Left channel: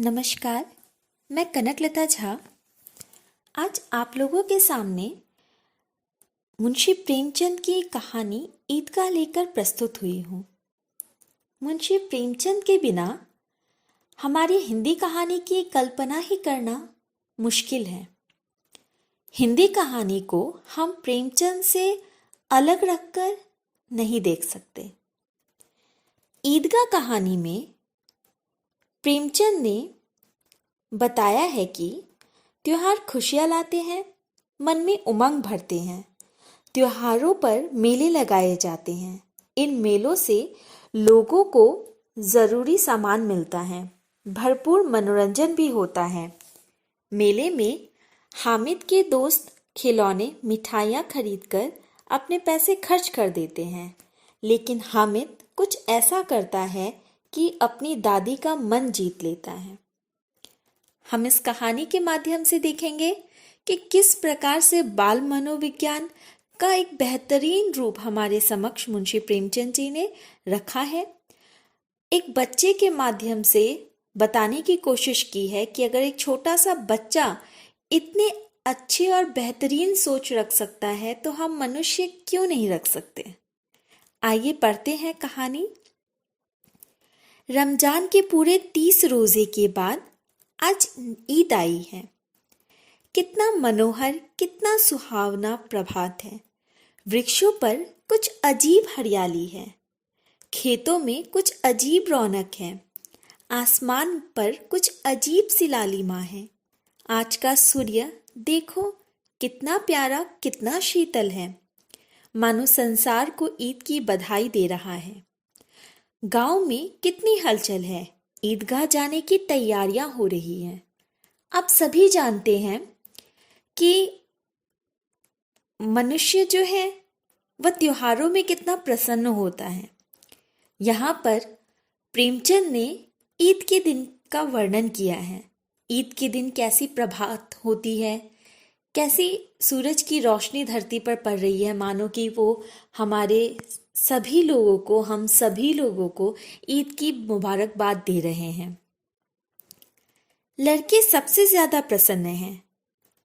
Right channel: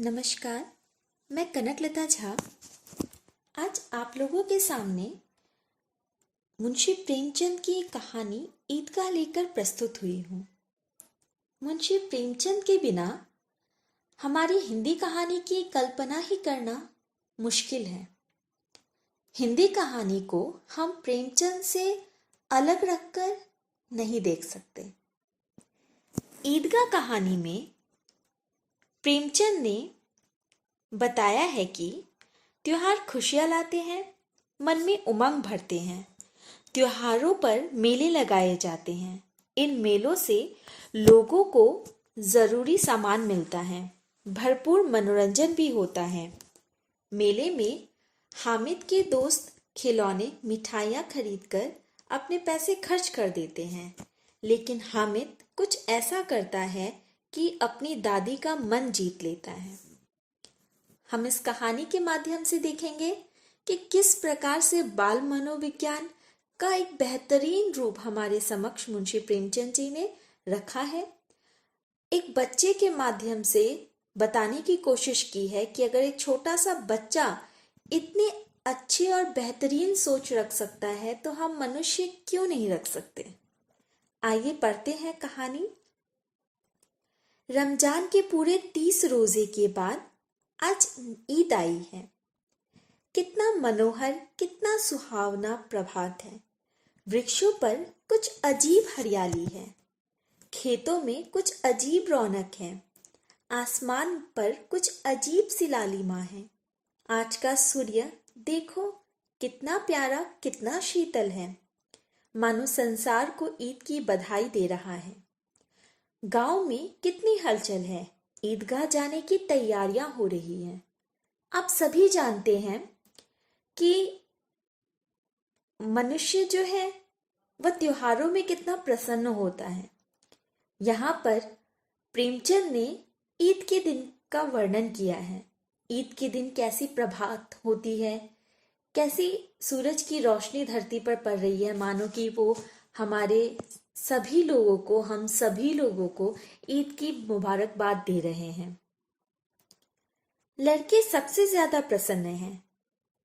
नमस्कार, मैं कनकलता झा आज आप लोगों के सामने मुंशी प्रेमचंद की कहानी ईदगाह लेकर प्रस्तुत हुई हूँ। मुंशी प्रेमचंद के बिना हमारी हिंदी कहानी की कल्पना ही करना मुश्किल है। हिंदी कहानी को हम प्रेमचंद से अलग रखकर नहीं देख सकते। ईदगाह कहानी में प्रेमचंद ने बताया है कि त्योहार खुशियाँ लाते हैं, मन में उमंग भरते हैं। त्योहारों पर मेले लगाए जाते हैं। इन मेलों से लोगों को ज़रूरी सामान मिलता है, भरपूर मनोरंजन भी होता है। मेले में हामिद के दोस्त खिलौने, मिठाइयाँ खरीदकर अपने पैसे खर्च कर देते हैं, लेकिन हामिद कुछ ऐसा करता है कि अपनी दादी का मन जीत लेता है। हम इस कहानी के माध्यम से देखेंगे कि किस प्रकार से बाल मनोविज्ञान का एक बेहतरीन रूप हमारे समक्ष मुंशी प्रेमचंद जी ने रखा है। एक बच्चे के माध्यम से बताने की कोशिश की है कि अगर एक छोटा सा बच्चा इतने अच्छे और बेहतरीन सोच रख सकता है तो हम मनुष्य क्यों नहीं रख सकते। आइए पढ़ते हैं कहानी। रमजान के पूरे 30 रोजे के बाद आज ईद आई है। कितना मनोहर, कितना सुहावना प्रभात है। वृक्षों पर कुछ अजीब हरियाली है, खेतों में कुछ अजीब रौनक है, आसमान पर कुछ अजीब सी लालिमा है। आज का सूर्य देखो कितना प्यारा, कितना शीतल है, मानो संसार को ईद की बधाई दे रहा है। गांव में कितनी हलचल है, ईदगाह जाने की तैयारियां हो रही हैं। आप सभी जानते हैं कि मनुष्य जो है वह त्योहारों में कितना प्रसन्न होता है। यहाँ पर प्रेमचंद ने ईद के दिन का वर्णन किया है। ईद के दिन कैसी प्रभात होती है, कैसी सूरज की रोशनी धरती पर पड़ रही है, मानो कि वो हमारे सभी लोगों को, हम सभी लोगों को ईद की मुबारकबाद दे रहे हैं। लड़के सबसे ज्यादा प्रसन्न हैं।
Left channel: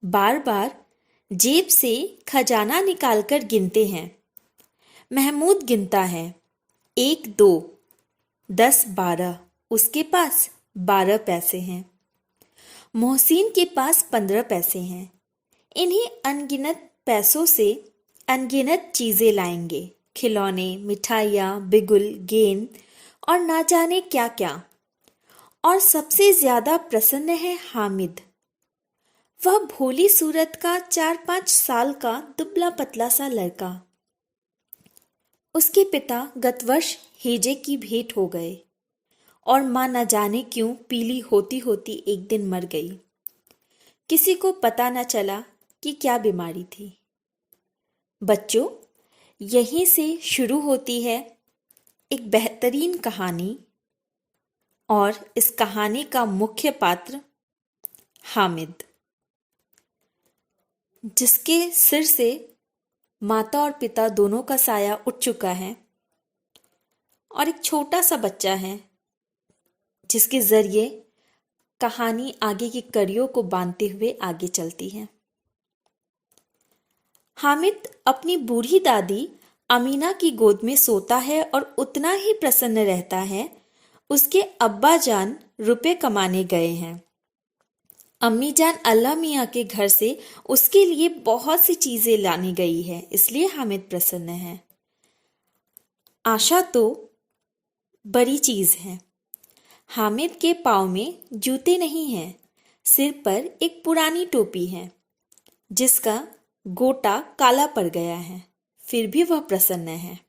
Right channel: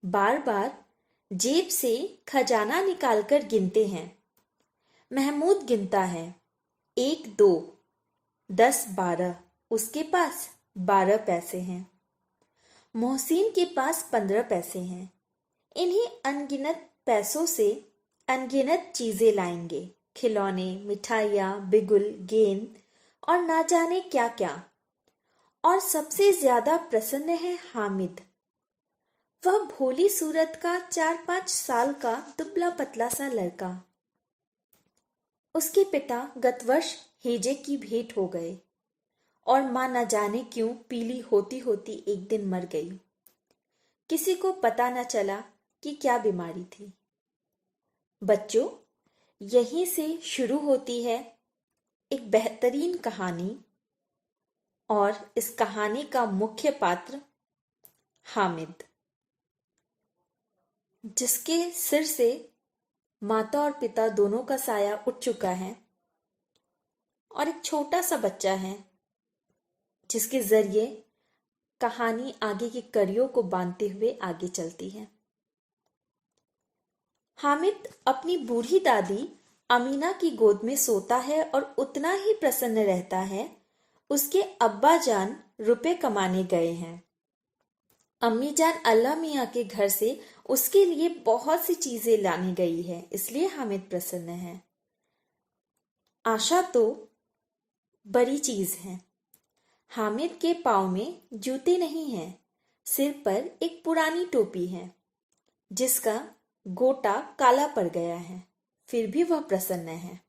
बार बार जेब से खजाना निकालकर गिनते हैं। महमूद गिनता है, 1 2 10 12, उसके पास 12 पैसे हैं। मोहसिन के पास 15 पैसे हैं। इन्हीं अनगिनत पैसों से अनगिनत चीजें लाएंगे, खिलौने, मिठाइयाँ, बिगुल, गेंद और ना जाने क्या क्या। और सबसे ज्यादा प्रसन्न है हामिद। वह भोली सूरत का 4-5 साल का दुबला पतला सा लड़का। उसके पिता गत वर्ष हेजे की भेंट हो गए और माँ न जाने क्यों पीली होती होती एक दिन मर गई। किसी को पता न चला कि क्या बीमारी थी। बच्चों, यहीं से शुरू होती है एक बेहतरीन कहानी और इस कहानी का मुख्य पात्र हामिद, जिसके सिर से माता और पिता दोनों का साया उठ चुका है और एक छोटा सा बच्चा है जिसके जरिए कहानी आगे की कड़ियों को बांधते हुए आगे चलती है। हामिद अपनी बूढ़ी दादी अमीना की गोद में सोता है और उतना ही प्रसन्न रहता है। उसके अब्बा जान रुपए कमाने गए हैं। अम्मी जान अल्लाह मियाँ के घर से उसके लिए बहुत सी चीजें लानी गई है, इसलिए हामिद प्रसन्न है। आशा तो बड़ी चीज है। हामिद के पाँव में जूते नहीं हैं, सिर पर एक पुरानी टोपी है जिसका गोटा काला पड़ गया है, फिर भी वह प्रसन्न है।